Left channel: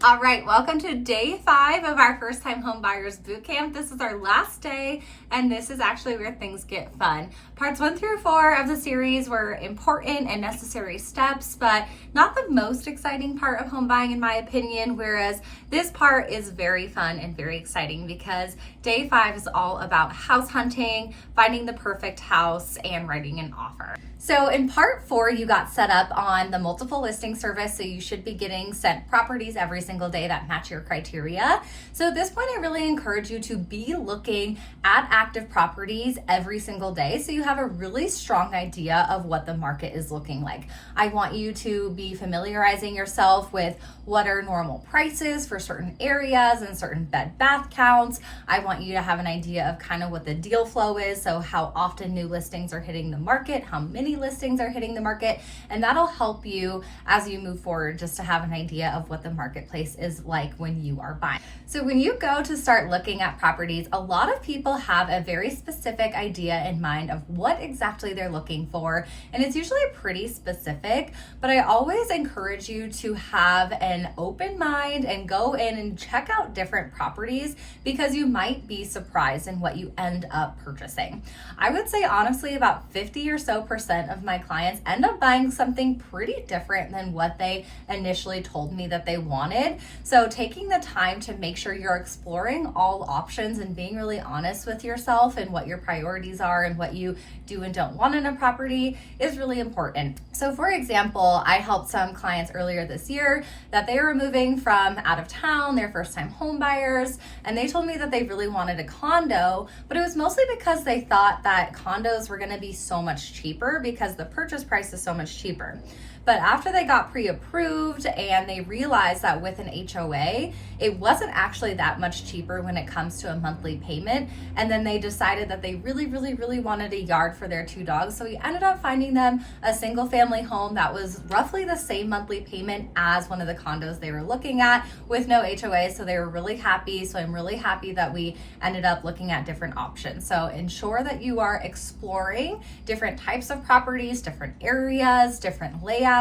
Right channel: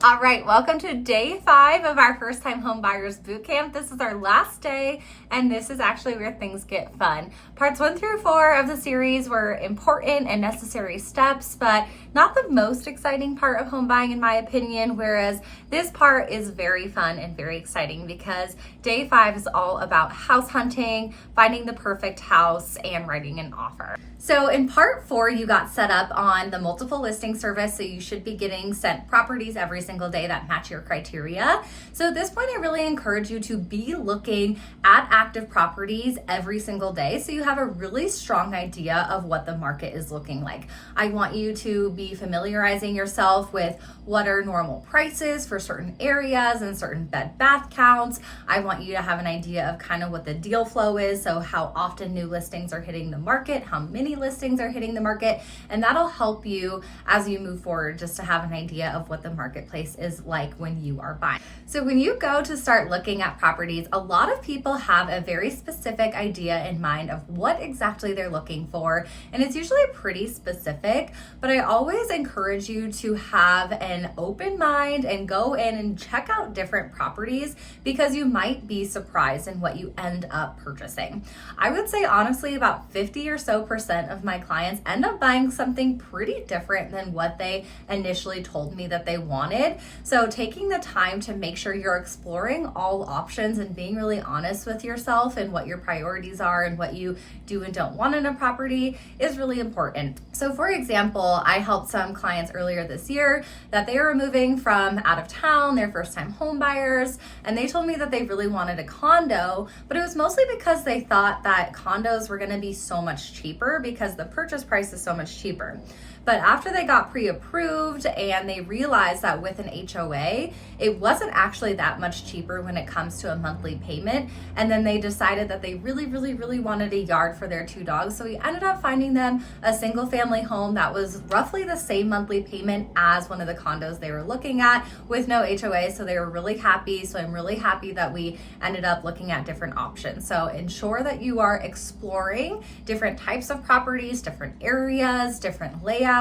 All right, welcome to day 5 of our first time home buyers bootcamp. This is our last day, and this is actually where things get fun. Parts 1 through 4 of the series were important and necessary steps, but not the most exciting part of home buying in my opinion, whereas this part is very fun and very exciting because day 5 is all about house hunting, finding the perfect house, and writing an offer. So in part 4, you got set up on the multiple listing service, so you should be getting sent properties every single day that match your criteria. So at this point, I really encourage you to be looking at active properties every single day so you have a really strong idea of what the market is looking like. I want you to be familiarizing yourself with what are normal prices for certain areas and certain bed bath counts. I want you to have an idea of kind of what the deal flow is, so how often new listings are hitting the market, how many listings are hitting the market, and that'll help you as you move forward just to have an idea of what the marketplace is like when you are buying. So when you go to start looking at properties, a lot of people have a very specific idea in mind of what exactly they're looking for, and it's usually pretty specific, but I always encourage you to have an open mind and go in and check out different properties because you might be surprised in what you end up purchasing. I would say honestly about 50% or so of my clients end up buying something pretty different than what they initially told me that they wanted. So taking the time to make sure you're exploring all options and being really honest with yourself and what your priorities are and what you do and don't want in a property is really important. So for example, I helped some clients earlier this year that they were moving from out of town, they're first time home buyers, and they told me that they really wanted a condo, but it was mostly because they thought that condos were going to be so much cheaper because the purchase price is so much cheaper. But after they got pre-approved and they realized that with an HOA, it wasn't actually that much cheaper when it comes to a monthly payment. And then they decided that they really wanted a yard for their 2 dogs. So we ended up finding them a single family home that was roughly the same monthly payment as one of the condos they were looking at with no HOA. So they were really happy. So I'm really happy that we ended up looking at different options. So ensure that you are exploring different types of properties, different areas, different layouts,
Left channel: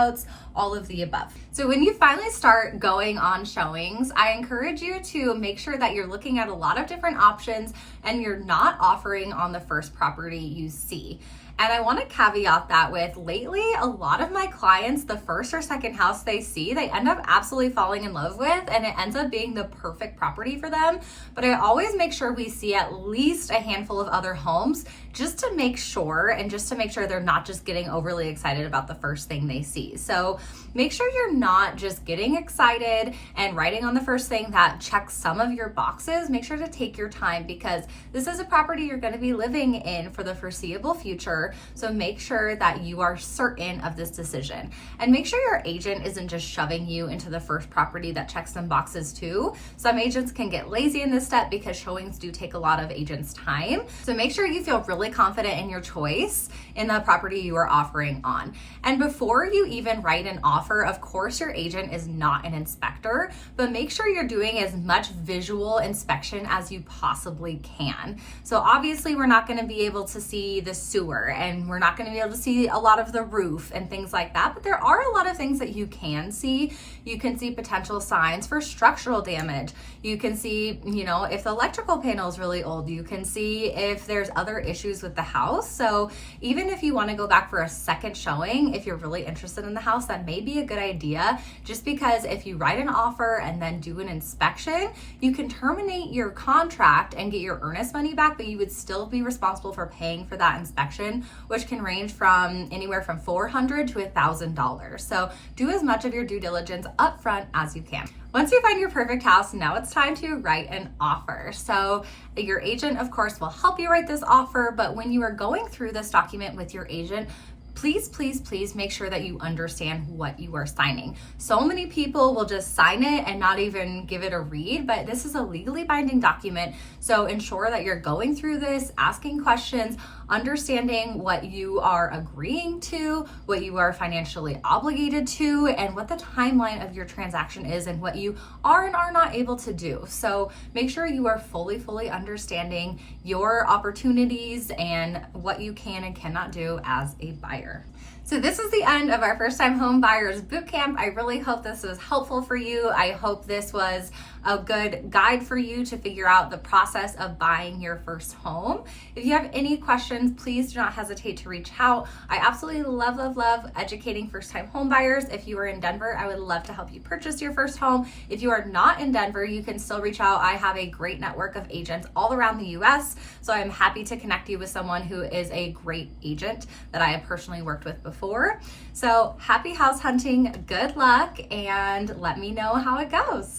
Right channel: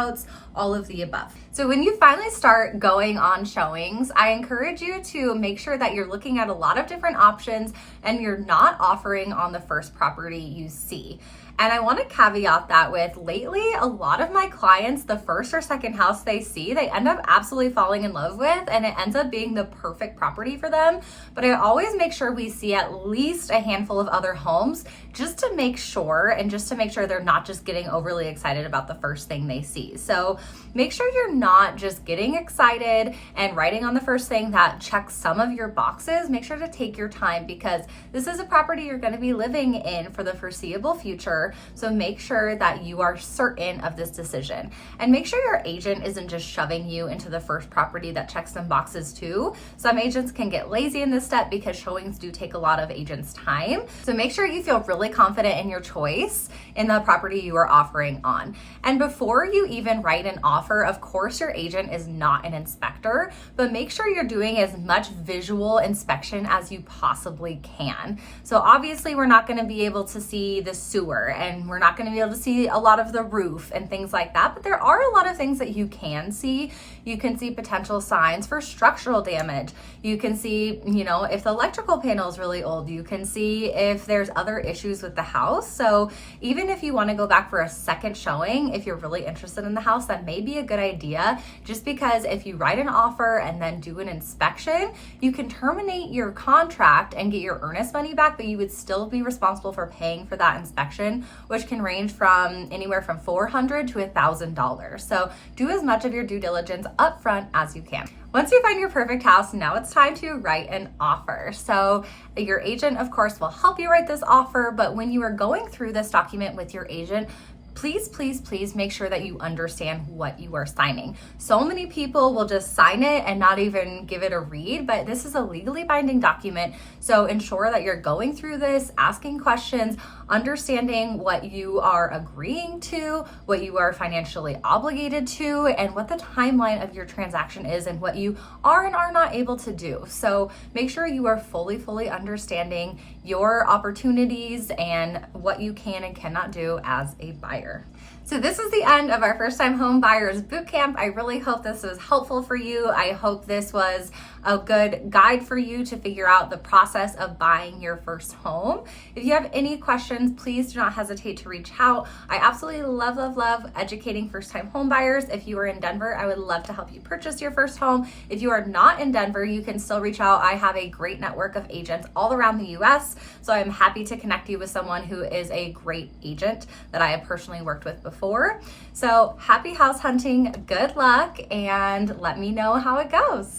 all of the above. So when you finally start going on showings, I encourage you to make sure that you're looking at a lot of different options and you're not offering on the first property you see. And I want to caveat that with lately, a lot of my clients, the first or second house they see, they end up absolutely falling in love with, and it ends up being the perfect property for them. But I always make sure we see at least a handful of other homes just to make sure, and just to make sure they're not just getting overly excited about the first thing they see. So make sure you're not just getting excited and writing on the first thing that checks some of your boxes. Make sure to take your time because this is a property you're going to be living in for the foreseeable future. So make sure that you are certain of this decision, and make sure your agent isn't just shoving you into the first property that checks some boxes too. Some agents can get lazy in this step because showings do take a lot of agents' time. So make sure you feel really confident in your choice in the property you are offering on. And before you even write an offer, of course, your agent is not an inspector, but make sure you're doing as much visual inspection as you possibly can. So obviously we're not going to be able to see the sewer, and we're not going to be able to see a lot of the roof and things like that, but there are a lot of things that you can see. You can see potential signs for structural damage. You can see, if the electrical panel is really old. You can see if there's other issues with the house. So even if you want to go back for a second showing, if you're really interested in the house, that may be a good idea, just because if you write an offer and then do an inspection, you can terminate your contract and get your earnest money back, but you would still be responsible for paying for that inspection, which can range from anywhere from $400 to $1,000. So do as much of your due diligence up front as you can. Once you find your perfect house, now it's time to write an offer. So your agent, of course, will help you write this offer, but when you are going through this document with your agent, please make sure that you understand what you are signing. So many people will just sign it and not even give it a read, but this is a legally binding document. So ensure that you're going through this, asking questions, understanding what you are agreeing to, what you are financially obligated to, and what the timeline of your transaction is and what you are and are not able to do. So make sure you are fully understanding your opportunities and what you can and cannot do as a buyer. So this is the end of our first time home buyers bootcamp. I really hope this was helpful for you. I hope this was a good guide for you to figure out the process of buying your first home. If you have any questions, please do not hesitate to reach out. I absolutely love educating first time home buyers. If you are in Denver, I would love to help you purchase your first home. If you are not in Denver, you can still reach out. I have a great network of agents all around the US, so I'm happy to connect you with someone who is a great agent that I have personally worked with before. So happy house hunting, good luck, and let me know how it goes.